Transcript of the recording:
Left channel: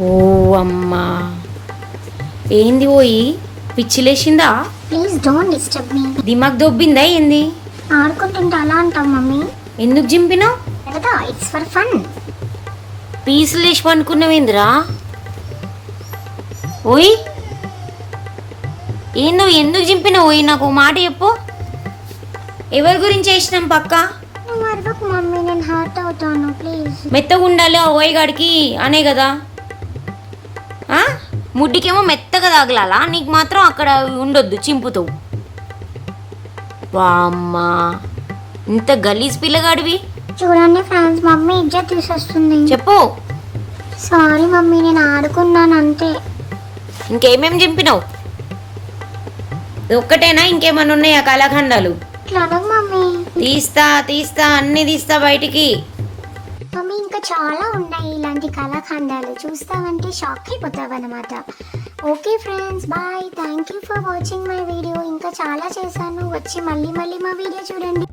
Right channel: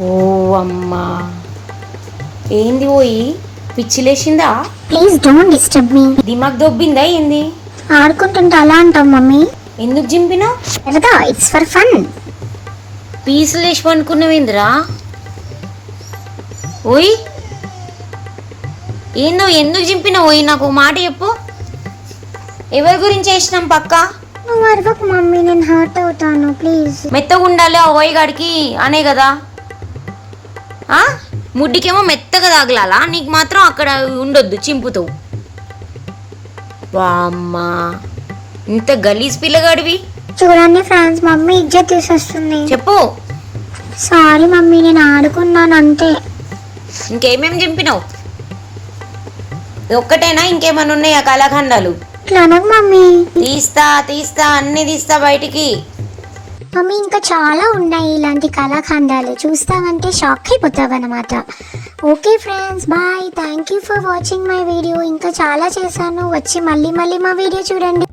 ఓ అమ్మా. ఏంది ఓయి? పిచ్చిలేసిందా? ప్లీజ్ డోంట్ డిస్టర్బ్ మీ దిమాగ్ దొబ్బిందా ఏంది? ఆడుకుంటుంటే అలా అంటాం మమ్మీ. ఎందుకు సరదా ఇట్స్ ఫర్ ఫన్ పీసులు వేసి పనుకున్నావేందిరా ఓయ్. ఏందో ఎందుకు చింపినావు ఓయ్? నాకు మాట చెప్పు. ఎవరి గురించి వేసినాం పక్క? నువ్వు అరవకు మమ్మీ నేను హర్ట్ అవుతాను ప్లీజ్ మెత్తగా ఉండాలి ఆ ఓయ్ గాడికి అనే కదా? ముడ్డికేమో మెత్తగా తగలాలా? నీకు మాత్రం అక్కడ ఉండొద్దు చింపుతావు. వామ్మా. ఇంత గలీజ్ పిల్లగాడివి. చూడండి ఫ్రాన్స్ మమ్మీ ఇజ్జత్ తీసేస్తుంది. చెప్పు. సారీ మమ్మీ నేను ఆడుకున్నాను అంతే. ఇంకేమేం చింపినావు? ఒక్కటేనా? ఇంకేమైనా ఉన్నాయా కళాఖండాలు? ఇట్లా మమ్మీ. తీస్తా తీస్తా అన్ని తీస్తా బయటికి. మమ్మీ ఇంకా చాలా ఉన్నాయి ఇలాంటి కళాఖండాలు. చూస్తామంటే షాక్ అయిపోతావు అనమాట okay friends bye thank you for watching my video ఇంకా చాలా చేశాను. వచ్చి మళ్ళీ మళ్ళీ మా వీడియో చూడండి.